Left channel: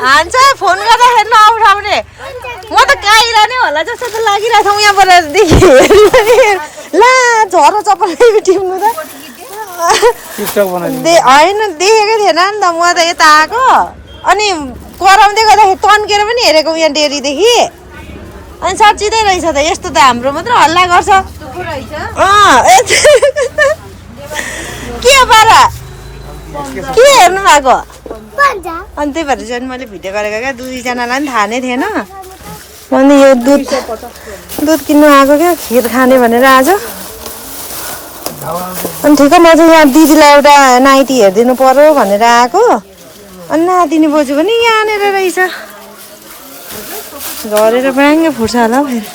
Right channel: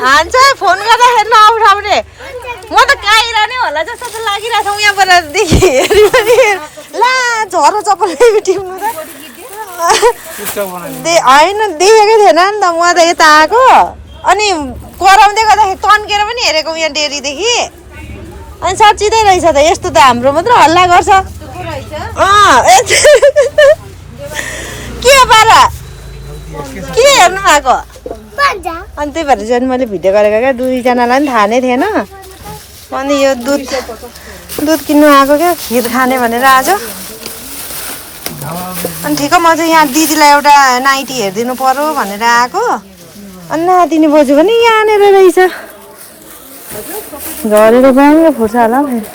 हान्छ फोन गर्दाखेरि नउठाउने म त काइरहने होला जस्तो त लागिरहेको छ यहाँबाट ला झरो चप्पल टिप्नु त होइन देखेकै थिएन नि त म त यता आएको अनि कराउँदै गर्दाखेरि तन्केर पनि हेरेको यहाँ डेलीदेखि अनि साँच्चिँदै रहेछ त यस्तो त हाम्रो मात्र हल्ला गर्छ के पारा के हेर्नु भएको अनि त्यही भएर चाहिँ मैले भिडियो गरेको क्या दुईजनालाई पनि थाहा नै थिएन अनि यो दुध किन्नु आएको क्या खिर खाने भनेर आज अनि ठिक म चाहिँ यहाँ दिदीलाई एउटा नाइटी हेरिदिनु पर्यो भनेर आएको अनि नातिनी बोजू पनि यहाँनिर रहेछ गरेर ब्याङ्ग फुट्छ होला फेरि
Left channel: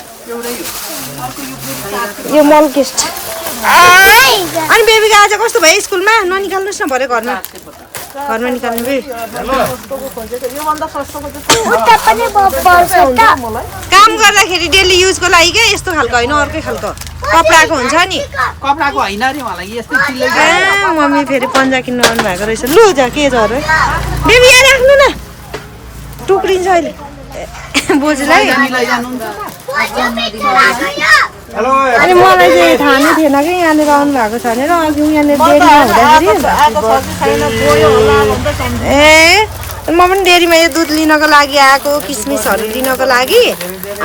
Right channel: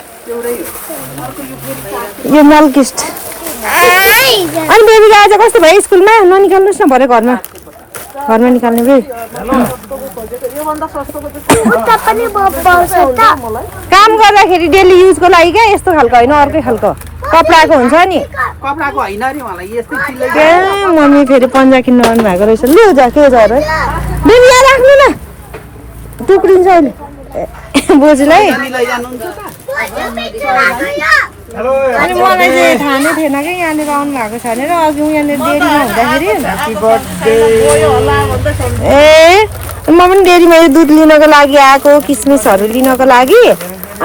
यो मालकिस्ट अनि बेबीको आज कस्तो भयो स्कुलमा ननिकाल्नुहोस् न भरे घरमा निकाल्ने बे काम गर्दाखेरि डेली युजको लागि क्या यस्तो खालको होइन अर्कै खालको कपडाको हुन्छ नि मम्मी फेरि पन्जा किन्नु आउनु भएको रहेछ लु जा के छ अरे बेबी यहाँ राख्नु न टुक्रिन्छ अहिले बोजूलाई अनि मलाई चाहिँ थाहा नै थिएन कि यहाँनिर आउनु भएको छ भनेर अघि यहाँनिर डेरीमा हुँदाखेरि ए म पनि डेरीमा यो दुध लिनको लागि आएको किसमिसहरू लिनको लागि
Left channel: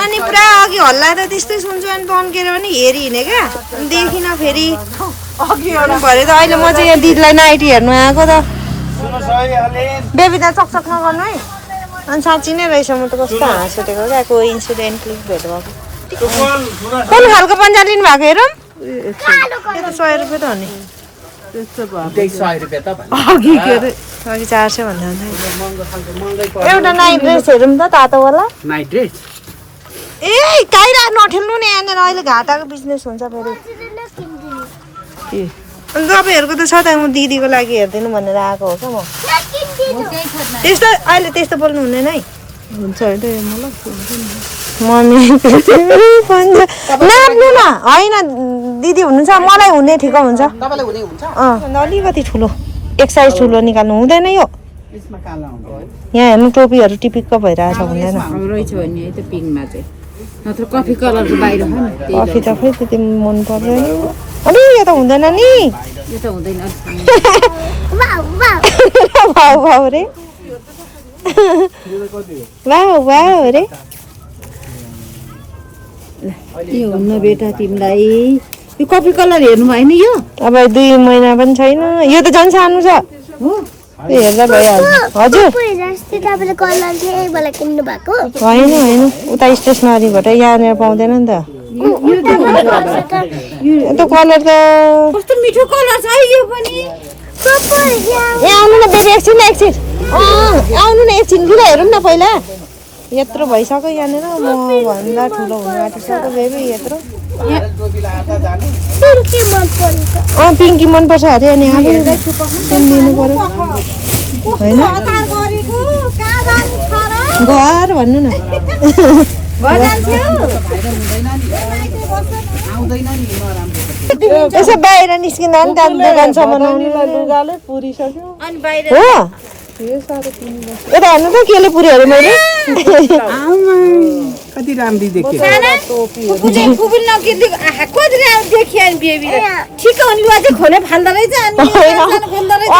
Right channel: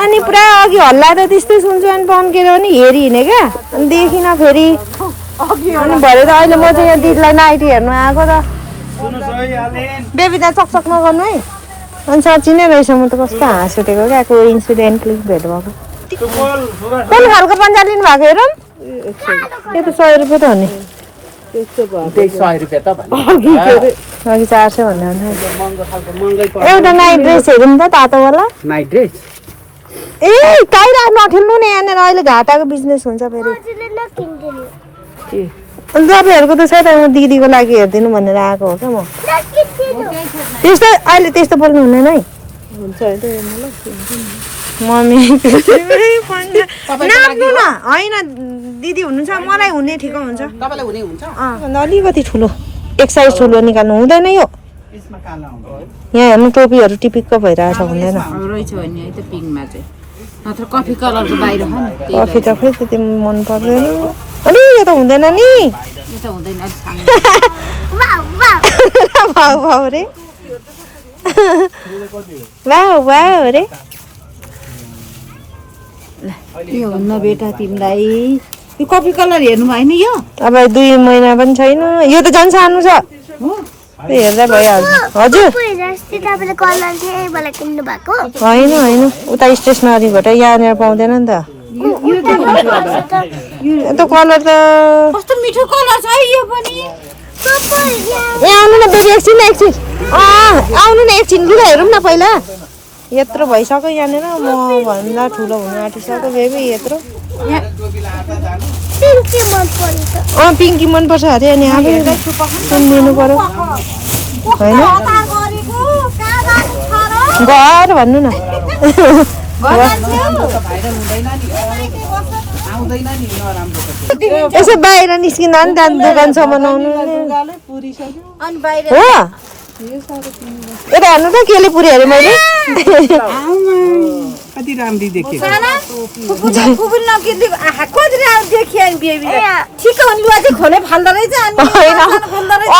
अनि पुरा अघि हल्ला त त्यस्तै सुन्छु अनि तन्केर पनि हेरि हिँडेँ क्या अनि देखिनँ फेरि अनि भरे त अहिले म चाहिँ यहाँ दिदीलाई नाइटी हेर्नु आएको त बेबी त चकचक नगर्नु है अनि साँच्ची नै रहेछ म त कस्तो हाँस उठेको क्या त्यो इन्सिडेन्टली भेट भएको कुन खालको पन्जा लिनु भएको हेरौँ त्यो त 100 रुपियाँ त हो नि अघि 400 भन्दा एउटा नाइट ड्रेस हेरौँ त तातोवाला नाइट ड्रेस ए काइरा नठेल्नु नि यहाँनिर अहिले घाटाको बिजनेस हुन्छ फेरि तपाईँहरूको त छ त म दिदीको लागि हेरिदिनु भनेर आएको हो क्या त्यस्तो अहिले त्यस्तो बोल्नु हुँदैन है हुन्छ मम्मी नाप्नु न होइन दिदी हुनुहुन्छ मलाई हुने ठिक हुन्छ अलिकति ठुलो एक साइज ठुलो निकाल्नु हुँदैन यो यहाँ हेर्नु टोपीहरू टिपिक्क भइरहेछ हुँदैन रहेछ भने है त पिङमा चाहिँ नत्र कफी कलरको बाहिर हो नि कफी त खै त्यति मन पर्दैन अनि यो त हुँदैन नि यो त हुँदैन वाउ वाउ रे वाउ वाउ रे यो हुन्न बेटा तिमीलाई यो कफी कलर हेर्नु भएन यो अब 2 महिना पनि छैन यो त झन् सानो छ हेर्दा भइहाल्छ हजुर होइन होइन उता स्टेसनरीबाट यहाँनिर पाउँदैन नि त त्यो कलर त कस्तो मिठो कलर छ है यो पनि आउनु न बेबी एकछिन आउनु न एकछिन लुगा हेरौँ न पहिला यत्रो भइसक्यो यहाँनिर म भन्दा ठुलो हुनु आँटिसक्यो बेबी यत्रो पिङ्की मनपर्छ अरे अनि आफै सुनिदिनु पर्यो होइन घर भन्नु न यसो बाहिर निस्किँदा नि त्यहाँ दोकानसम्म हो यता हेर्नु त केले पुऱ्यो अरे मैले कति राम्री देखे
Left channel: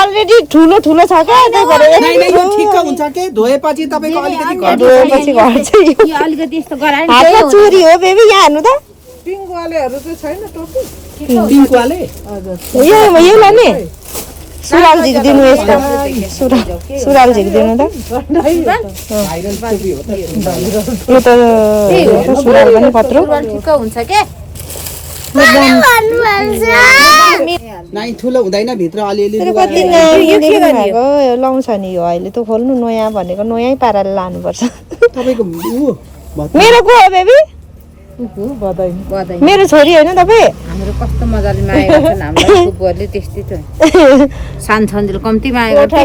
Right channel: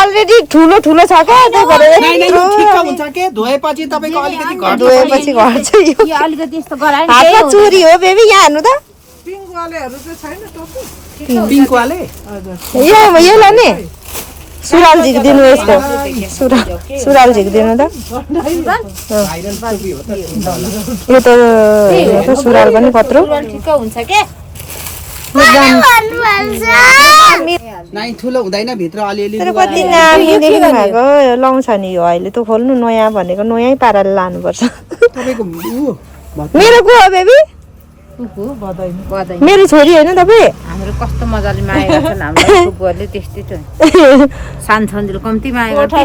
अलरेडी ठुलो ठुलो छ क्या धोएपछि हातमा चोरी हो बेबी यहाँ हेर्नु त यो लाने सुराल झिकिदिनु यस्तो सुराल झिकिदिनु त यो त सुराल पनि कत्रो ठुलो हुँदैन भित्र अलिअलि कति लाउँछ नि यो अहिले त खोल्नु नयाँ भनेको नयाँ पाराले लानुपर्छ मेरो को हो बेबी मेरो छोरी होइन तपाईँ हाम्रो कस्तो मजाले माया गर्छन् हाम्रो फुपूहरूले त्यस्तै त सान छन्दिल कम्ती माया गर्छ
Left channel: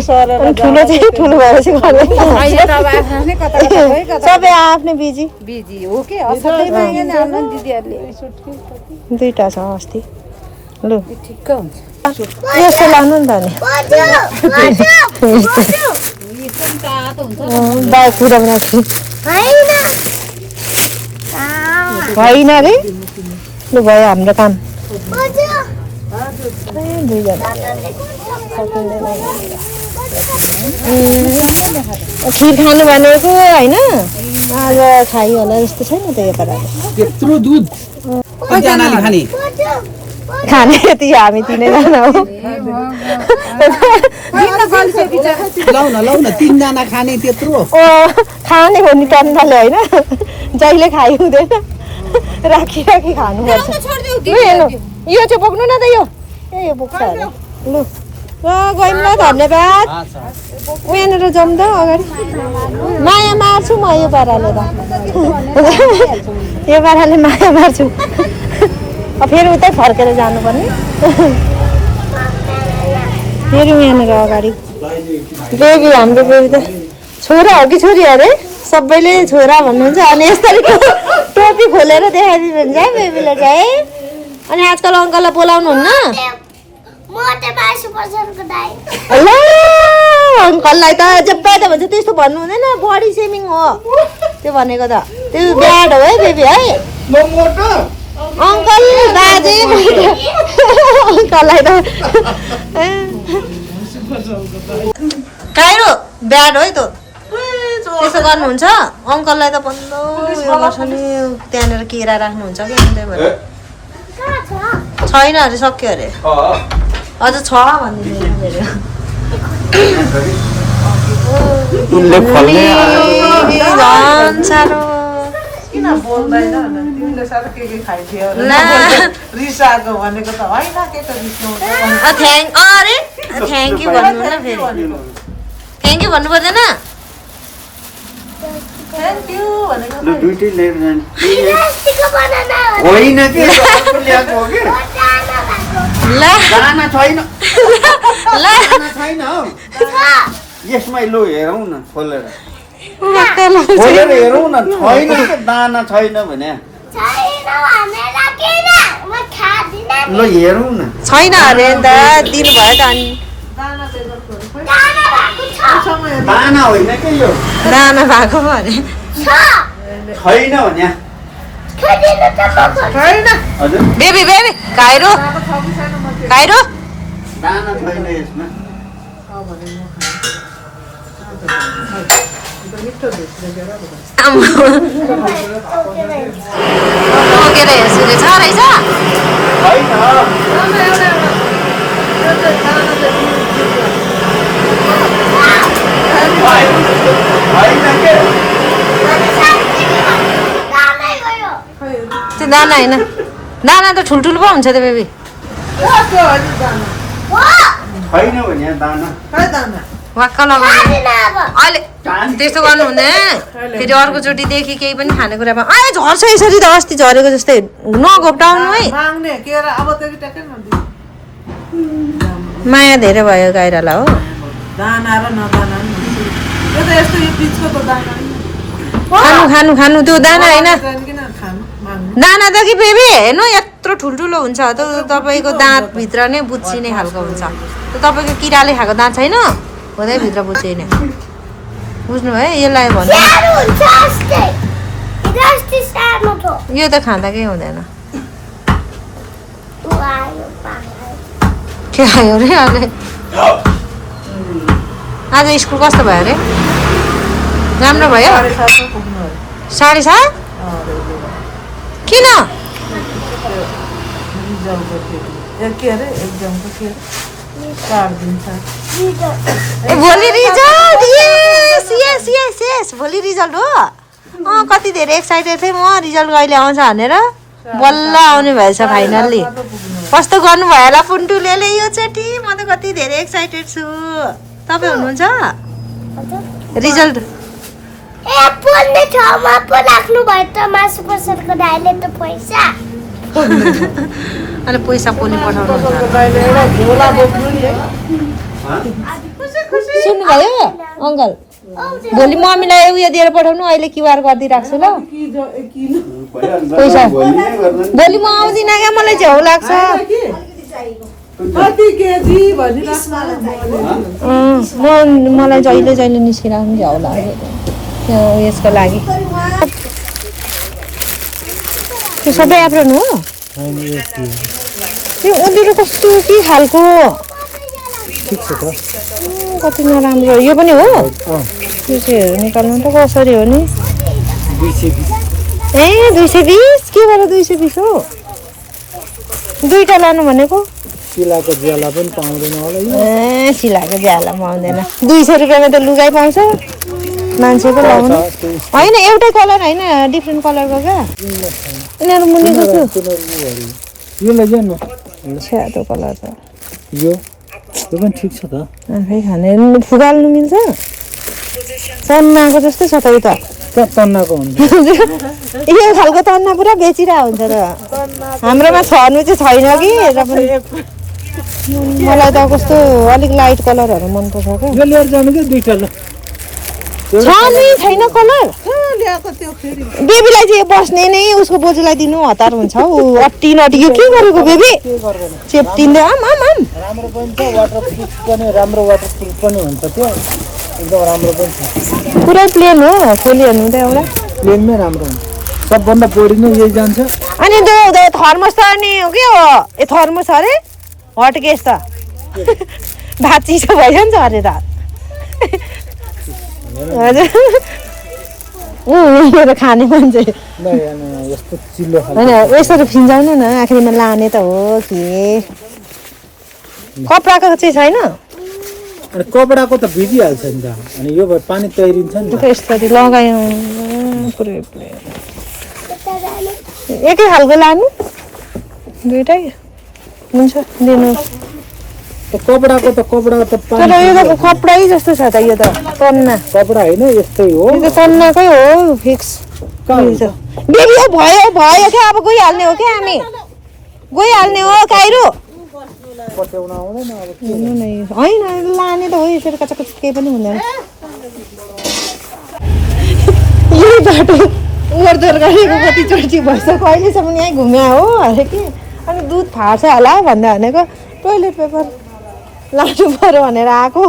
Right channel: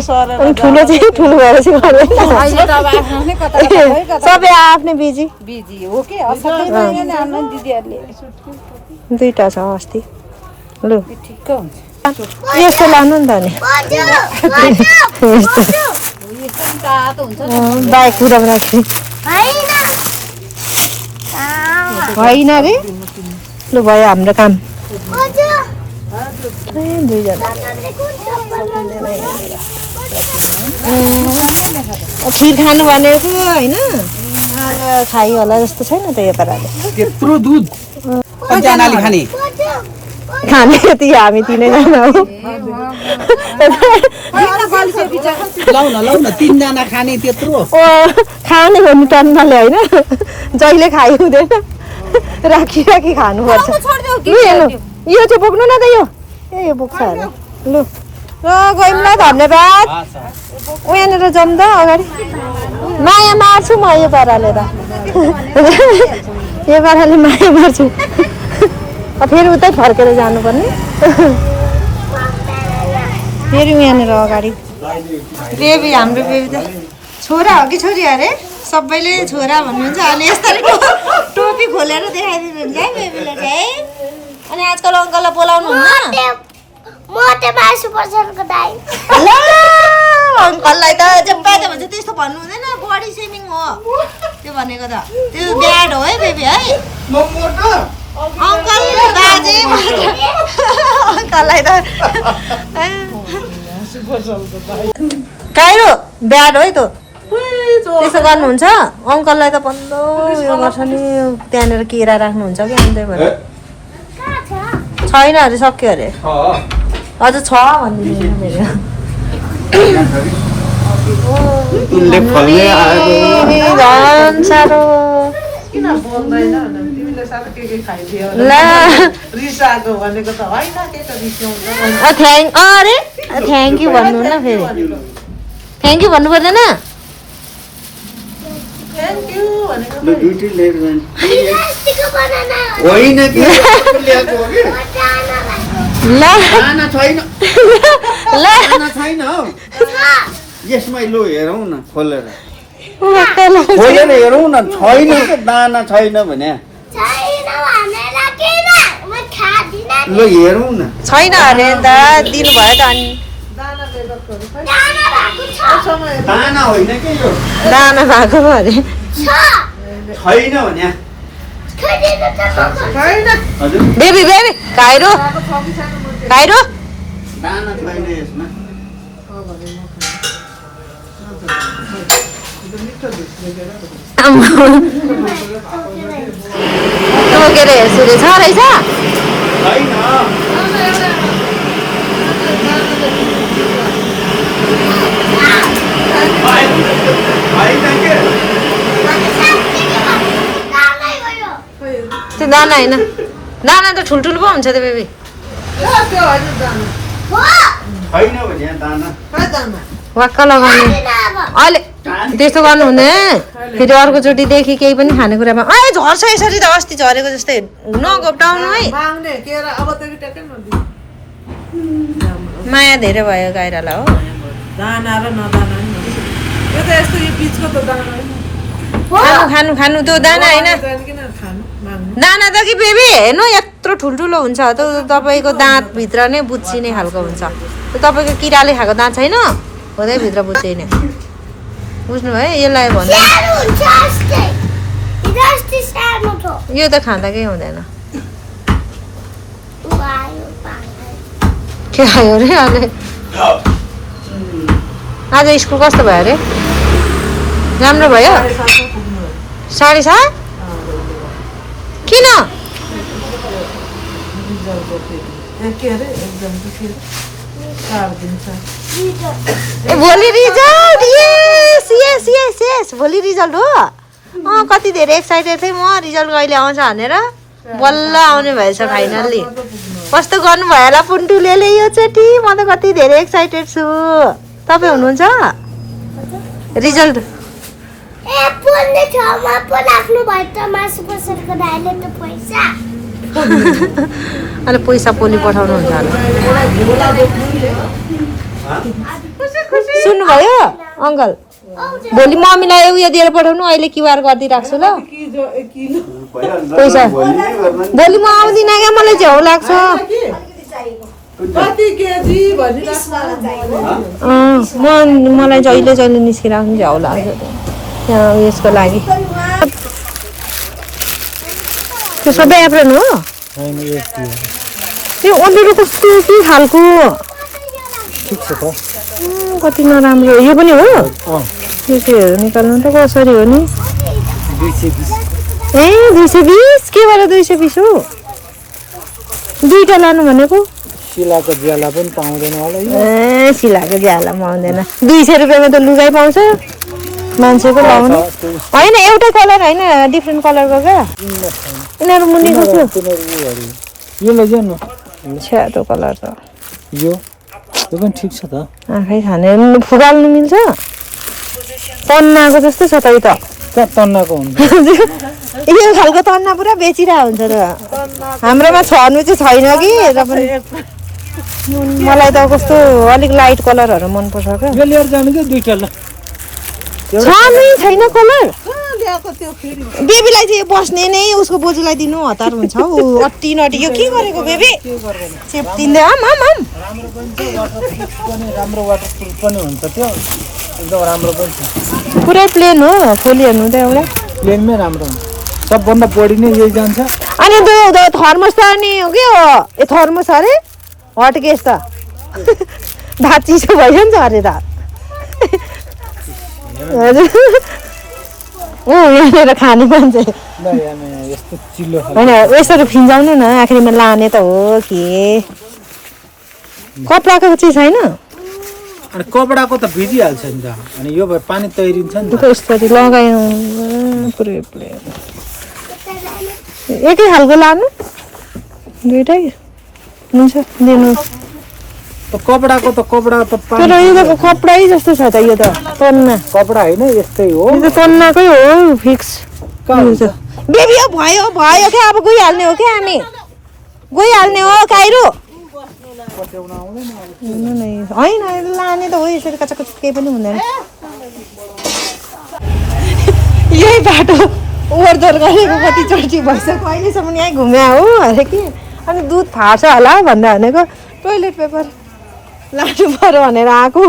ठुलो चाहिँ ठुलो भएर अहिले त अब आफ्नै कता सबै आफ्नै बिजी हो के दिदीहरूले दुईटा छ अस्ति लु ठिक्क हुन्छ यस्तो लानु नि त नि बाइक कुदाउन होइन रे लु भयो हाम्रो काम खिर खानु भनेको होइन आज खाइ होला जस्तो छैन त यो पाराले त्यत्रो दुध कतिजनाले खाने खाने यति हामी तिनैजना हो लौ न 3 जना खाने त्यत्रो खाने भन्नु टन्नले होइन जहिले खाइ हुँदैन राखी खानुपर्छ यो चाहिँ बोक्नु न त यो बोक्छ होला लु गइमलाई धन्यवाद यहाँनिर जाउँ त अगाडि माया मार्छु म यो पाराले त यो पाराले माया मार्छु फेरि उतै फर्केर जानुपर्ने फेरि यहाँनिर अगाडि बेबी हाम्रो बेबी त छोरा हो कि छोरी अरे सबैले छोरा भन्नुहुन्छ अनि यसरी टोपी खोलेर देखाइदिनुहुन्छ है बेबीले चाहिँ अनि आजकल अङ्कललाई बोलाउनुहुन्न अङ्कललाई त जब्बाइ त भन्छ त्यस्तो भन्नु हुँदैन बडी सेमिङ हो त्यो भनेको त त्यो ब्याड हो है बेबी है अङ्कल बाजे अङ्कललाई त काइरो ब्याड है त त्यसो गर्नुहुन्छ अङ्कललाई त बन्द त्यहाँनिर केरा राख्नुहुन्छ कि छैन अरे सक्यो अरे अझ छ झन् साह्रो अरे थ्याङ्क यू भन्नु न फेरि थ्याङ्क यू भन्नु पर्दैन यसमै लो हेरौँ न खोलेर हेरौँ न छैन दाना छैन भने ल हेरौँ न छैन अरे नि त दिनुभयो त अनि दाना होइन के यो दाना भएको पो अरे छैन भने बेबी बेबी काइरो काइरो दाना छैन यसमा टोकेर हेर्छु रे छ रहेछ त्यो दाना होइन दाना त ठुल्ठुलो पो हुन्छ त बेबी छैन भने दाना वाक्क लगाउनु अहिले त्यस्तो गर्नु हुँदैन फेरि अर्कोचोटिदेखि केही पनि खानेकुरामा झर्छ यसरी त अस्ति झरेको जस्तै नघोप्टाउनु है माया धेरै भयो गाइरालाई हो खानु खानु खानु त्यो दाना होइन दाना त कि बेबी हेर्नु यत्रो ठुल्ठुलो हुन्छ त तपाईँको दाँतभित्र नै बुच्चिने खालको हुन्छ त्यो तपाईँको किराले खाएको दाँत छैन हुँदै भित्र बुच्चिने बुझ्नु भयो यसलाई भन्नु यो त खाँदा केही हुँदैन के आयो अरे अहिले आज स्कुल कस्तो भयो अरे राम्रो भयो 7:30 किन ए भोलि रिजल्ट यस यस यस यस भोलि रिजल्ट हो कति धेरै एक्साइटेड थिएँ म रिजल्ट कहिले आउँछ भनेर बल्ल आउने भएछ फाइनल्ली कस्तो गर्नुभयो होला पुन्टुले योचोटि म त कति धेरै एक्साइटेड छु तपाईँ हुनुहुन्छ रिजल्ट अनि पैसा पोली पठाउनु हुन्छ सुन्नुभयो अङ्कल भोलि मम्मीलाई उयो दिएर पठाउनु अहिले क्युआर गरिदिइराख्छु ल पैसा भोलि म आउँदिनँ क्या मलाई झ्याउ लाग्छ कति केजी भनिराख्नु मलाई जहिले जहिले निस्किरहेको झ्याउ लाग्यो यहाँ यसको लागि त्यो सबै एप्रोन हो त्यो अँध्यारो कस्तो के खालको कति नराम्रो यो पनि हो यो चाहिँ निकाल्नु त कसरी हो नि 220 ए 220 के भएर 220 हो दुईटा लानु भनेको सिलाको ज्याला पनि पाउँदैन होला ए सिलाको ज्याला पाउँदैन 200 रुपियाँमा त लुगाइ पाउँछ मान्छेको लाउने होइन एउटै कलर होइन डिफ्रेन्ट कलरको क्या उनीहरू मुनिको थियो यो लैजाउनु छ्यादो कलर त यो पनि ठिक छ त आँखै खाने फुगाल्नु मिल्छ तन्नाको जस्तै छ त यो त कहाँ तन्नाको हुन्छ यो खालको तन्ना पुरा बेचिरहेको हुन्छ त हाम्रोमा छर्नु चाहिँ छैन कि र पनि मलाई त कस्तो अलिक लाइट कलरहरू मनपर्छ क्या यो लिएर जानु क्या दुईटा ल छर्नु छैन कलर ल्याएको त्यो फेरि बेबीलाई चाहिँ बस्ने नै उसको बोजूलाई दिनु हतार हुन्छ हौ अट्टी नटी यो के गरेको बेबी चेप्टिँदै आम आम आम राम्रो पनि छ वाटरप्रुफ पनि राम्रो वाटरप्रुफ पनि हुन्छ त्यो एकदम राम्रो पनि छ पुरै प्लेन हो खोली हेर्नु त एउटा प्लेनमै राम्रो हुन्छ सबभन्दा बढी नै यही जान्छ अनि त्यो थर्मस त अनि हो के हो ए थर्मस अरे हट केस त भात चिसो भइसक्यो नि त अरे रात हजुर यहाँनिर खाने मान्छे यस्तो चिल्लो होइन यसरी फिन्जाउनु न आखिरमा लाने त हो के कपडाको चाहिँ छैन अनि कपडाको त भिजिहाल्छ नि त अनि यो भए पानी तैरिन्छ नि त यसरी लगायो एकै खालको लानु दुइटै हुन्छ दिनुहोस् कपडाको त कपडा त पानी यो त कपडै जस्तो छ त यो त तन्ना कपडा होइन यस्तै हो यो त तन्नाकै हो फिक्स बेबी यो भयो भयो क्या अब गइहाल्ने हो क्या हामी गइहाल्ने हो काइरो हेर्नु न होइन लाने त हो यसरी कचाकच केही पनि हुँदैन यही बाटो ओहोरदोहोर गरेको कति चर्ची भइसक्यो अहिलेसम्म यहीँ घुम्या हो अरे कि अनि दुध फाट्छ होला भन्दा भनेको टोइलेट पेपर लानु पऱ्यो भनेर आएको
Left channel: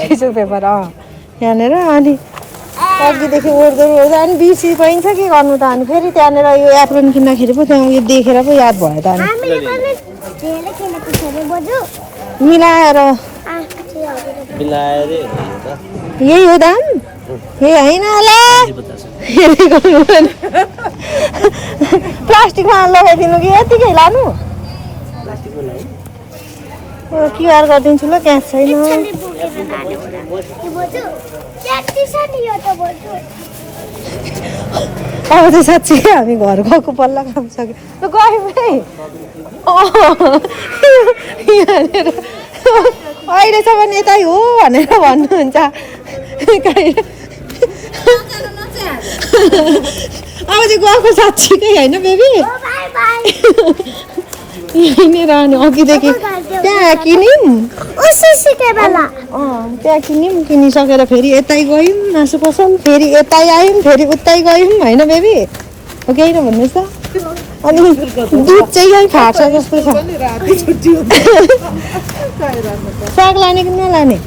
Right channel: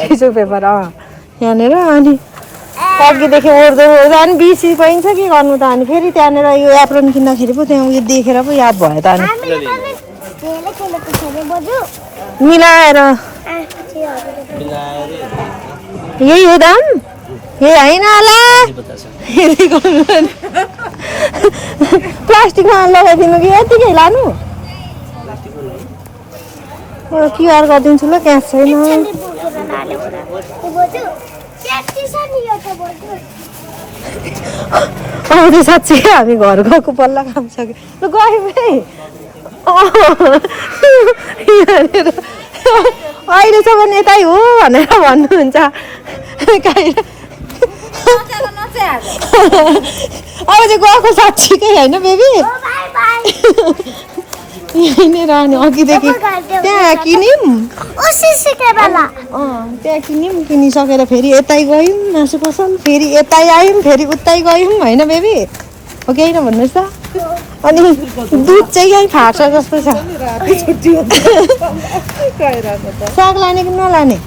टिसु पेपर यहाँनिर अनि अघिदेखि ओर्दो अनि बिर्सी पाइन्छ कि गर्नु त अनि फेरि त्यहाँनिर यो एप्रोन किन्दाखेरि पो त्यहाँ उयो देखेर पो याद भयो त अनि मिलाएर यही हो दाम ए होइन होला प्लास्टिकमा लगाइदिनु कि यतिकै लानु क्युआर गरिदिन्छु ल क्यास छैन अब चाहिँ साँच्चै हामी घर गएको पल्ला काम सक्यो अहिलेसम्म यतै हो भनेर भन्नुहुन्छ अब चाहिँ गएको साँच्चीकै होइन बेबी यहीँनिर अनि अघिदेखि त्यहाँ किन्यौँ त्यहाँ किन्यौँ किनिसकेर फेरि यतै गयौँ मासु पसल फेरि यतै आयौँ फेरि उतै गयौँ होइन बेबी हो कि होइन भन्नुहोस् त अनि दुध चाहिँ यहीँ फाट्छ जस्तो छ साग लाने कि नलाने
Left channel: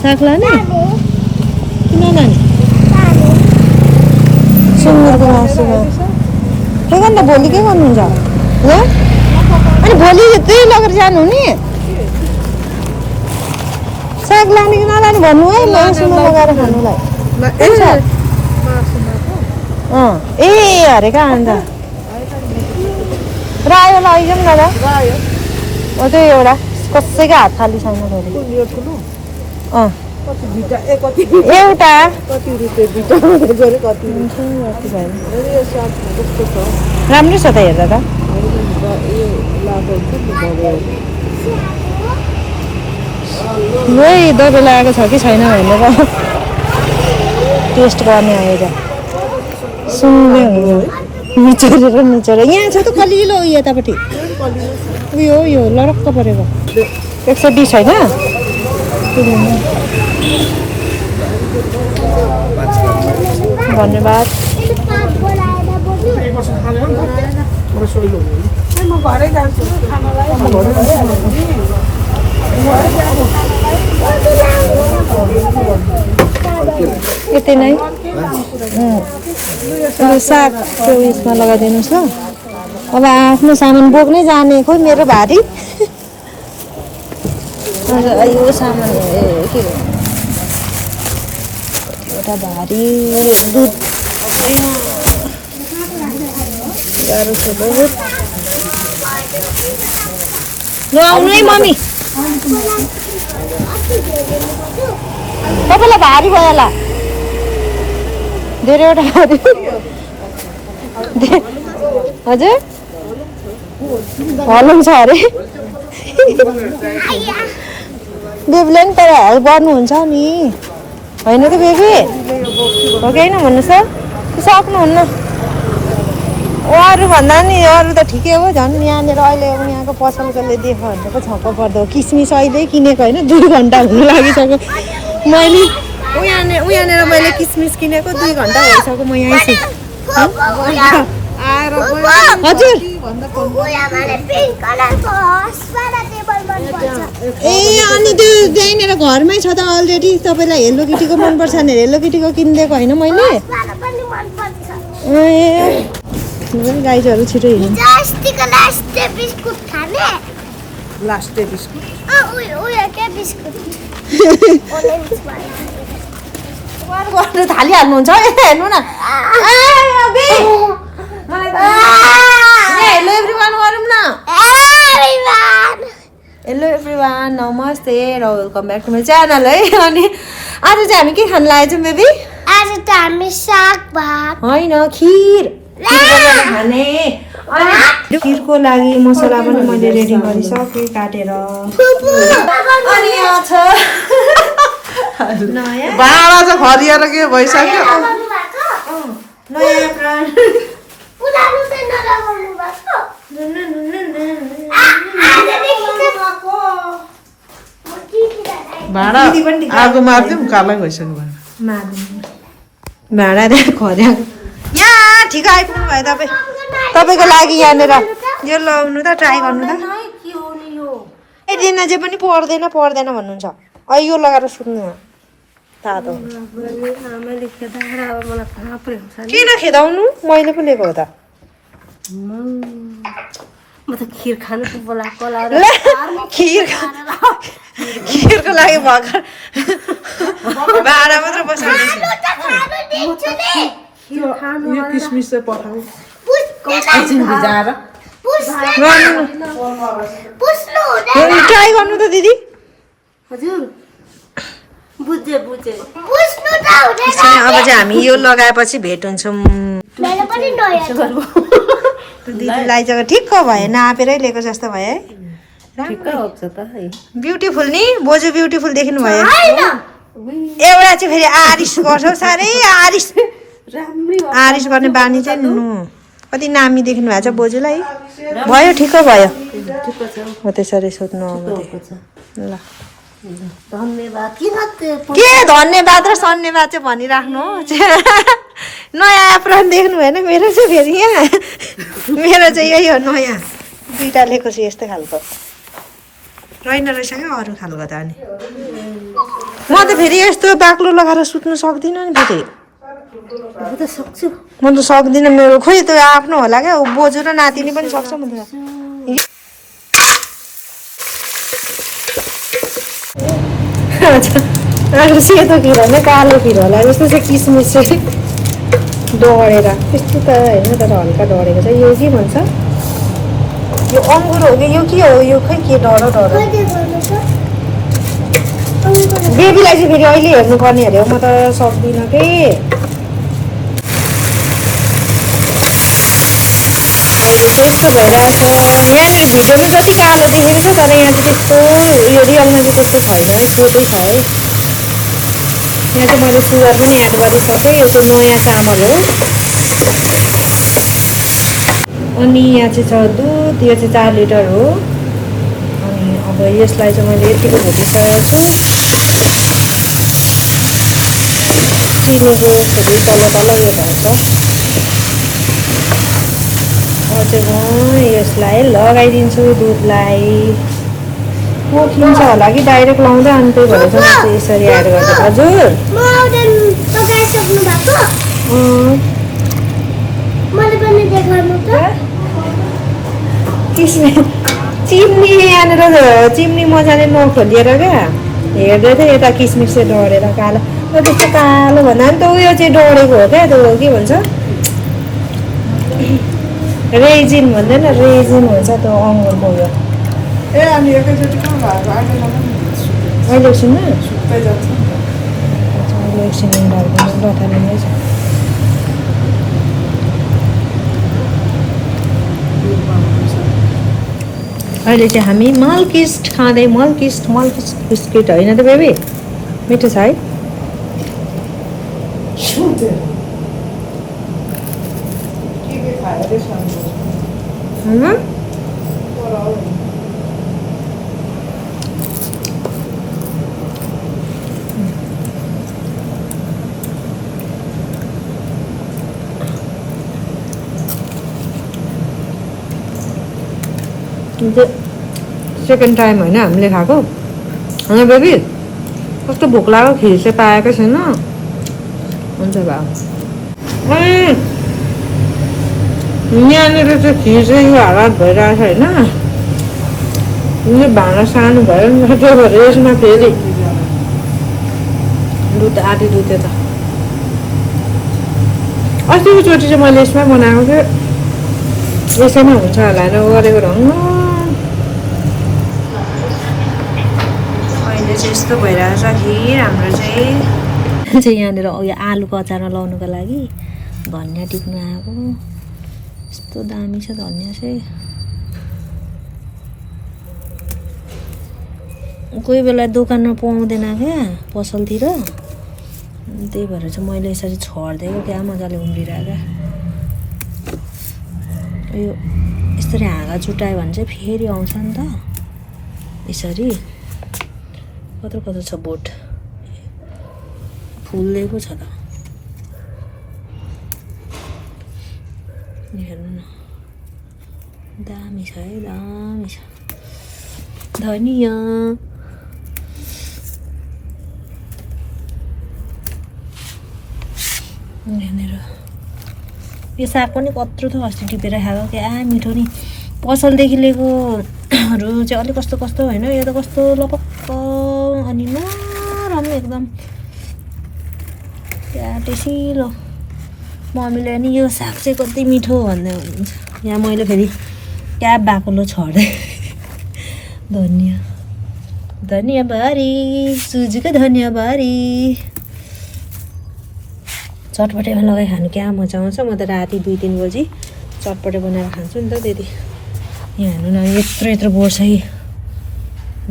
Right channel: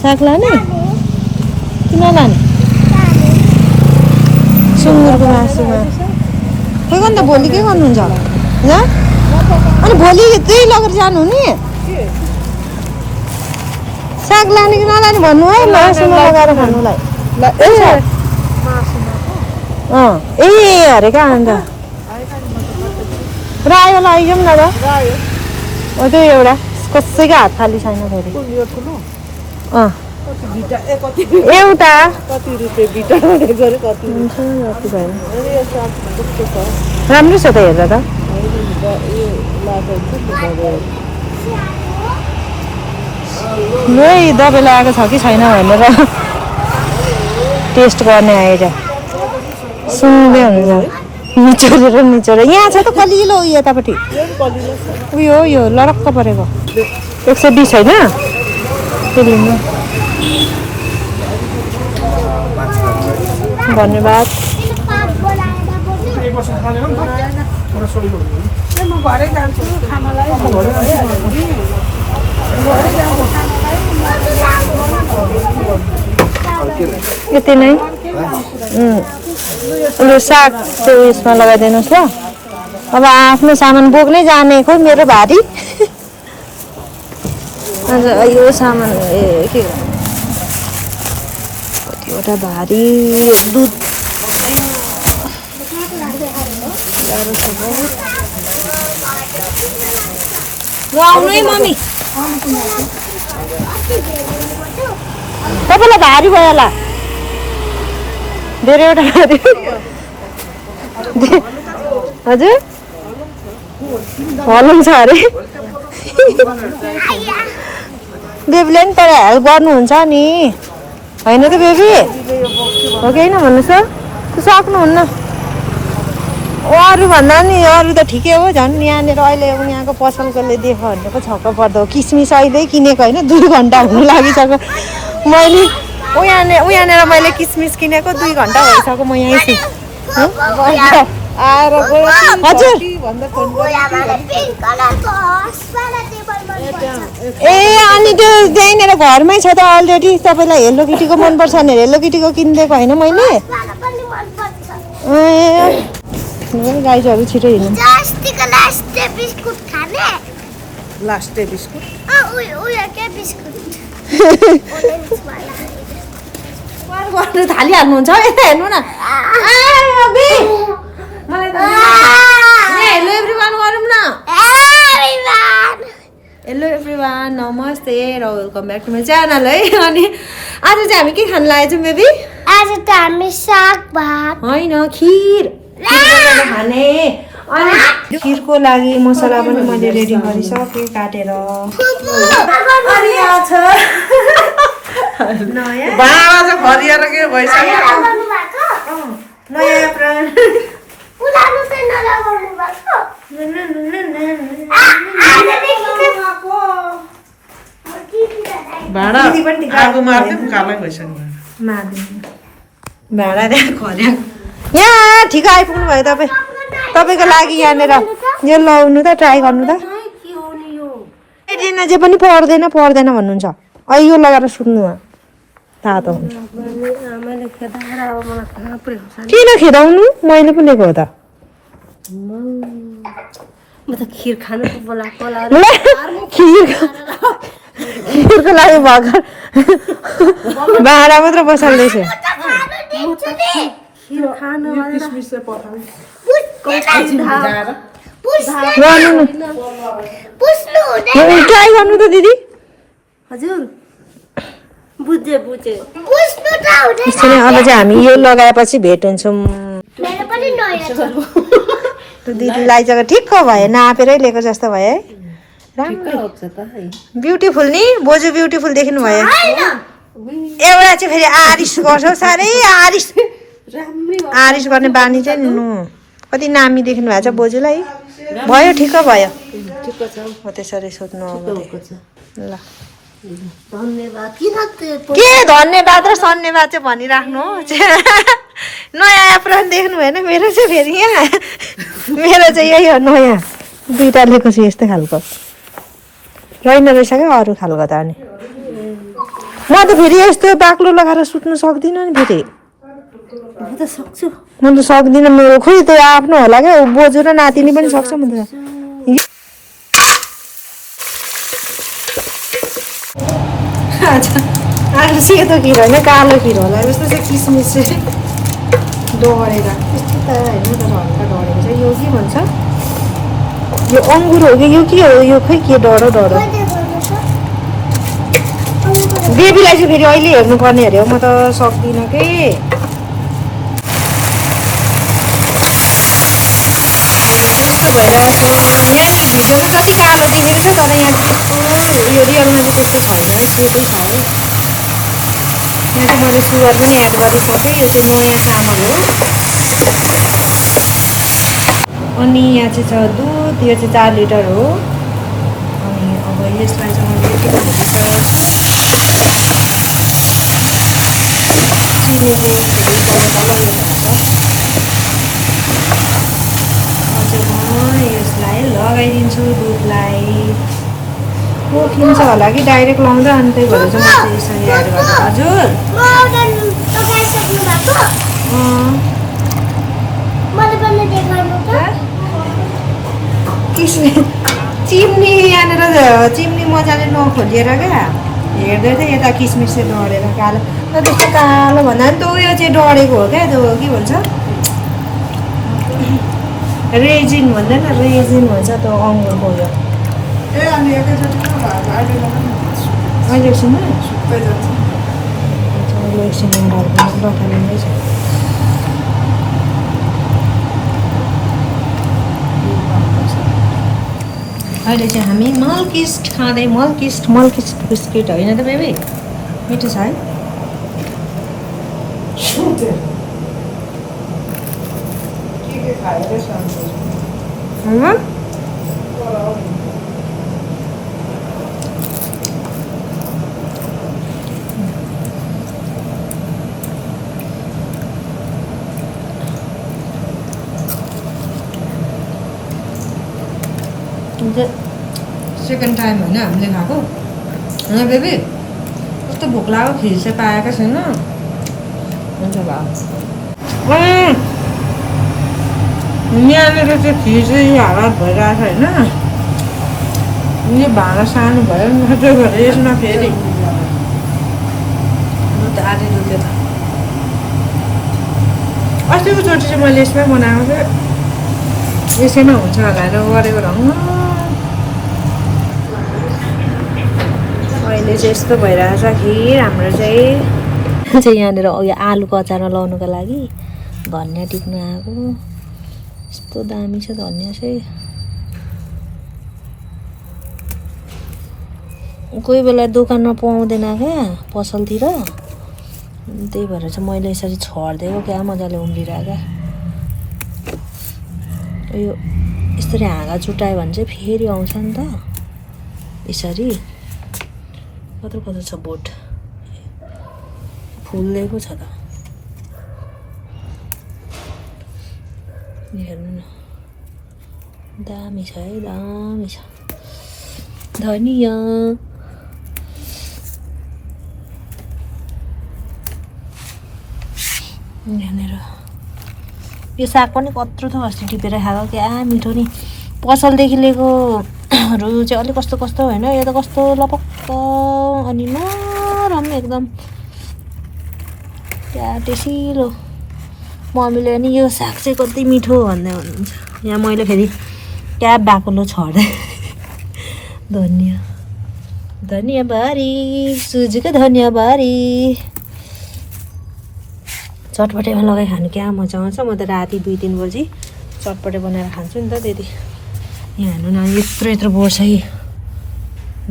साग लाने कि नलाने सुँगुरको मासुमा खै गर्नु त भोलि के गर्नुहुन्छ ल अनि भोलि त्यही लगेर जानु नि साग लाने कि नलाने भन्नु है मासुमा लगाएर खानुलाई ए अरे कहाँ अन्त रायो लैजाउँ न ल त्यही एउटा कसैको हात खाली छैन फेरि एउटा राम्रो छ त हेर्दा त यही दबाई लगाएको छ कि छैन भनेर टेस्ट गर्ने आएर सुँगै हुन्छ निचोरेर यहाँ छ त कलिलो उयो यतापट्टि उयो हो यो लरक्क परेको 120 होइन धन्यवाद यति नै यो साग त्यो उयसमा लगाइदिनुहोस् ल अब आफ्नो सामान बोक्नै जाने खोइ मेरो भारी यो सामान के एउटा भारी दुध गाह्रो छ बहुत आउनु है मम्मी तपाईँलाई भारी भयो होला धेरैवटा भारी हजुर हल्नु छ अरे बेबीले पनि तर हेल्प गर्नुहुन्छ नि होइन त बेबी हो कि होइन भन्नुहोस् त सक्नुहुन्न अरू भन्दा नि अरू त ठिकै हो झन् यहाँनिर अहिले यहाँको पसलकोले देख्यो भने त छक्क पर्दो किसमिस अहिले किनेको होइन 2 घन्टा हुनु लागिसक्यो मैले उहाँनिर मैले किसमिस किनेको 2 घन्टा भइसक्यो म यहीँ छु आएर हजुर ए अनि त्यो त्यहीँनिर घरमै छ त अलरेडी तपाईँलाई हेलो किटीको मनपर्छ भने हेलो किटीको किनिदिएको होइन मैले ए गाईहरू छिटो हिँड्नु गर्नु थालिहाल्नुहुन्छ हेर्नु न हेलो एभ्रिवान गरौँ न हेलो एभ्रिवान नमस्ते र welcome back to my channel है अनि आज चाहिँ हामी के खान लागेको छौँ बेबी आज त हामी साग भात होइन खिर बनाएर खाने अनि खिरको लागि मसला पनि मैले रेडी गरिसकेँ काटेर अनि यहाँ छ नयाँ बाँडा चाहिँ फरिएर के भइसक्यो नयाँ प्राण पुरानो चाहिँ नलगाउनु भएको भाँडा आगो मारिदिउँ कालै भइसक्यो भाँडा खर्या यहाँ ठिक आइपुग्नु भयो तपाईँको लागि यहाँनिर यो लाउनु त ट्राई गर्नु त दिन जे पनि पर्दैन भन्नुहुन्छ अहिले यो लगाएर सुत्नु हो थाहा त हुन्छ किन खेदाउनु मैले पनि लिएको हो त म त खिर खानु बोलाएको खिरको लागि भर्खर भाँडा मात्र बसाल्दैछु किसमिस चाहिँ पठाउनु ट्राई गर्नु त दिदी हजुर बुझे अब चाहिँ हामी यो लगाएपछि भेट हुन्छौँ दिदीलाई चाहिँ ठिक्क भयो नापेरै लिएको जस्तो भयो है ब्युटिफुल नि बोजू ब्युटिफुल देख्नु भयो एउटा चाहिँ फेरि आरिस गर्छ साह्रै आरिस गर्ने बानी चाहिँ नु कति नामी देख्नु भएको छ बोजूलाई भयो ठिक्क भयो हो त्यसरी सोध्नु अब ल के धन्यवाद र सन्यवाद चाहिँ भनिराख्नु नयाँ एप्रोन देख्नु भएन मेरो चाहिँ फेरि यहाँ मेरो चाहिँ यही हो नयाँ दुईवटा लिएको छु यस्तै खालको रहेन रहेछ क्या अरू खालको त अनि म त फेरि यस्तो बाक्लो लगाएर सुत्नु सक्दिनँ नि फेरि म त सक्दिनँ मेरो खोइ त्यो आफ्नो होला क्या बोजू र नातिनी पनि सक्छ म आएको सेतो खिर होइन कालो खिर होला जस्तो चाहिँ किसमिस चाहिँ डढेर त्यस्तो त होइन तर हल्का डढेको छ यो के भन्छ यो अङ्गुर हो कि यो के हो यो खोइ के डढो बेबीलाई चाहिँ फेरि अहिले हेर्नुपर्ने अरे म त सक्दिनँ के अहिले त्यस्तो भइरहेछ यहाँनिर भिडियोमा जति कालो देखेको छ तर यहाँ चाहिँ त्यस्तो यो रियलमा चाहिँ त्यस्तो छैन है सेतै छ है यहाँ चाहिँ मैले सुगर पनि एड गरिसकेँ यो चाहिँ नयाँ चामल हो अनि यहाँ चाहिँ छ दुध यो चाहिँ 4 लिटर हो अनि अब यसलाई चाहिँ मैले यतिको भुटिसकेको छु चिनी चाहिँ फेरि तल यो भएको छ चाहिँ म यसलाई लगाइदिन्छु दुधलाई। पोखिन्छ होला कि डाइरेक्ट लाउँदा, अनि त्यही भएर चाहिँ म चाहिँ यसरी एड गर्छु। हजुर लगाइसक्नु भएको मैले पनि देखाउनु त किसमिस चिम्नी यहाँनिर चिम्नी मजाले नखोलिएर क्या हेर्दै थियो यता किसमिस चाहिँ डढेर कालो त्यस्तो कालो भन्दा पनि त उयो चाहिँ डढेको हो क्या त्यो के भन्छ रेजिन भन्दैन रेजिन हुन्छ त्यो अङ्गुरको उयो अहिले एकछिनमा अहिले एकछिनमा लथालिँदै छ। अहिले चाहिँ हामी मल्किस्ट खाँदै मल्किस्ट बिस्किट होइन त बेबी मिठो छ है। सेकेन्ड टाइम होइन हामीले खाएको होइन बेबी कस्तो भोक लाग्यो खिर चाहिँ पाएकै छैन हुन्छ भयो यहाँनिर चाहिँ खिर चाहिँ हालत भइरहेको छ होइन यो भाँडा सानो भयो नि त्यो भएर यसमा फेरि दुध आधी दुधे त अस्तिको चोटि चाहिँ मैले यसमै बनाएको थिएँ यसैमा हुन्छ होला गरेको रङ अहिले चाहिँ यस्तो भइरहेको छ खिर हाम्रो चाहिँ यहाँनिर उयो आलुको अचारमा लाउनुको लागि धनियाँ टिप्नु आएको यस्तो दामी छ धनियाँ चाहिँ कोही बेला दोकानमा पाउँदैन क्या पसलतिर त्यही भएर चाहिँ मैले यसरी छरिदिएको क्या मजाले उम्रिरहेको यो यसरी हाँगा चुटायो भने चाहिँ फेरि आउँछ नि त यसरी कत्रो कत्रो छ बोट फुल्दै छ त हेर्नु न दामी छ है दामी छ धनियाँ यहाँनिर यो साग पनि कत्रो छ अस्ति टिपेर खाएको क्या मिठो नि पसलदेखि लिएकोहरू चाहिँ अलिक कस्तो कस्तो होइन यो त कस्तो लपक्क अनि नरम एकदम क्या टेसिलो मम्मीले नि यो साग चाहिँ कति मिठो भन्दै हुनुहुन्छ यहाँ मैले फेरि क्या बाक्लो छर्दै धनियाँबारी सुजीको धनियाँबारी चटपटेमा लगाइ खानु क्या मजा आउँछ। म त राति 2-3 बजी चटपटे बनाएर खान्छु नि त त्यति। यहाँ हेर्नु न यत्रो यत्रो बोट छ है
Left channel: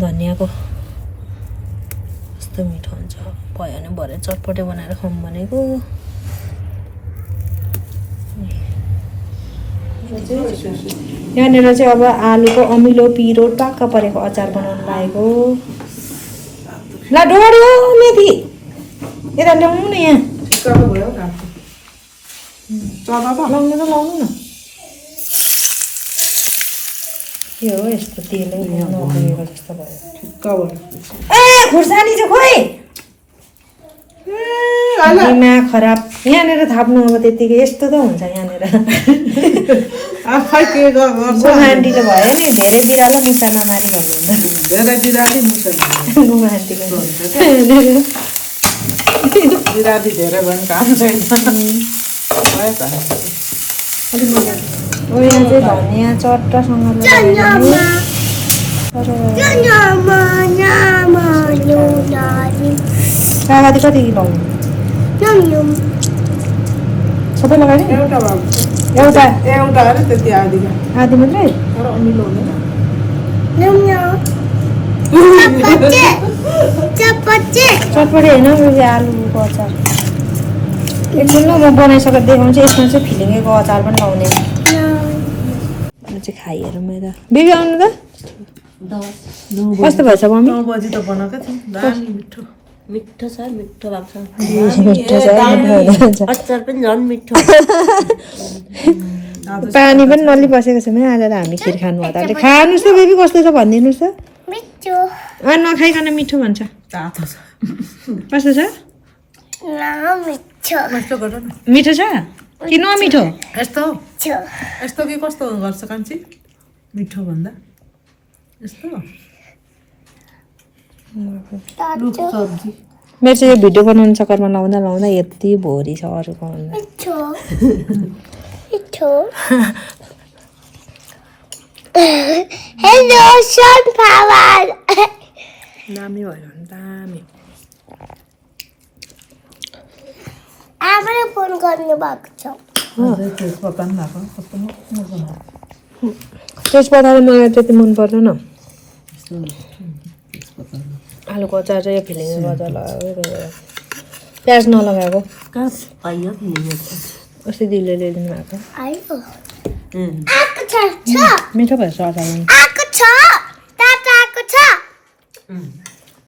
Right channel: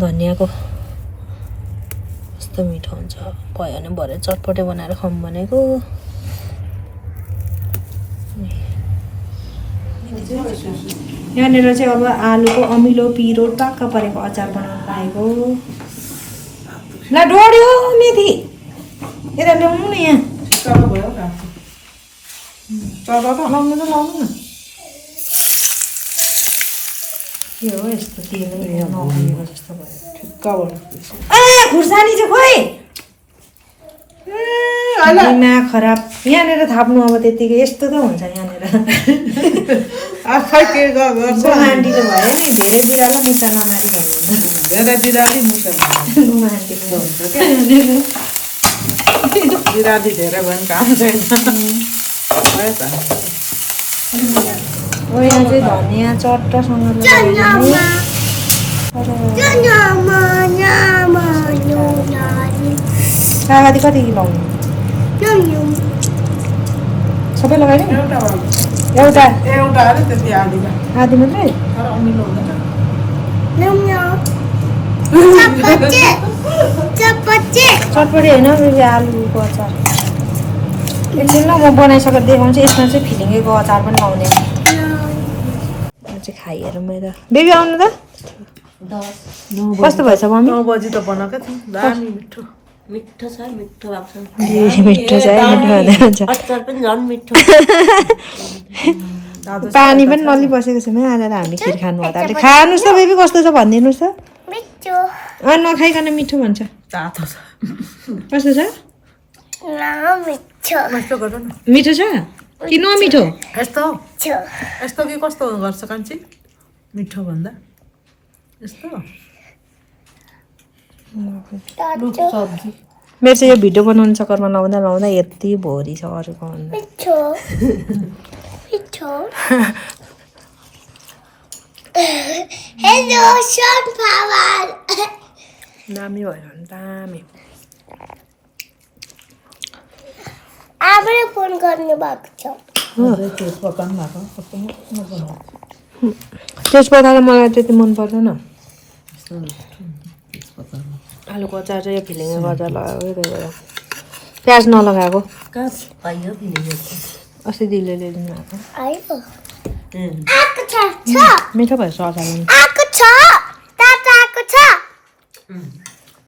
धनियाँको कस्तो मिठो हुन्छ भयो भने भरे चटपटे बनाएर खाऊँ भनेको। यहाँनिर चाहिँ अब आलुको अमिलो पिरो टक्क परेको अचार बनाउनु पाएको। ल डढ्यो मेथी यता ल्याउनु न यहाँ लाउनु त लाउनु न के हो यस्तो तेलै नखाएको जस्तो भयो खुर्सानी चाहिँ खोइ दिमाग खराब यहाँनिर थाप्नु अब त्यतिकै यस्तो त हुन्छ यहाँनिर आन्टीले भयो नि धेरै बिरालो मुसा नमारी भन्नुहुन्छ धेरै बिराली मुसा आन्टीले बिराली धेरै भयो भने काम छैन यहाँ चाहिँ धनियाँ चट्टसँगले कागती कति लाउनु सबै लगायो एउटा अरे त्यति आदिमा आधी मात्रै चटपटे होइन आलुको अचार एकछिन ल म बनाइसकेर देखाउँछु। यसमा चाहिँ फिलिङ्गेको अचार पनि लाउने चाहिँ खाइहेरौँ मैले बेबी आउनु त कस्तो भएछ मम्मी 9 बजी त बनाएको थियौँ दामी मिठो मिठो छ मिठो भएको छ मिठो छ अचार पनि झन् मिठो पानी पनि नलिबसेको छ म आएर हामी खिर खानु हतारले खानुहोस् त बेबी कस्तो छ भनिदिनुहोस् त मिठो नखाइकन मिठो भन्छ तातो छ कस्तो छ मिठो यस्तो गर न मिठो छ कि नमिठो यस्तो छ यस्तो कि कस्तो गर्छ कान्छी मिठो भन्दा यस्तो सब्जी मेरो चाहिँ यो भिडियो बनाउनु चक्करमा लाउँदा लाउँदा यति भोरी छ अरूको भन्दा मिठो मिठो हेलो सनफ्लावर दामी भयो भने दामी आमाले फोन गर्नु भएको छ पकाउनु भएको कस्तो मजा त्यसबाट त मलाई त्यति मन पर्दैन आलुको अचार चाहिँ यो फिलिङमा गर्दा लगाएको प्याज नलगाएको कहाँ पाइयो अस्ति दिदीले ल्याइदिनु भएको आयो आएको छ मिठो भएछ अचार पनि आएको छ तातो आएको छ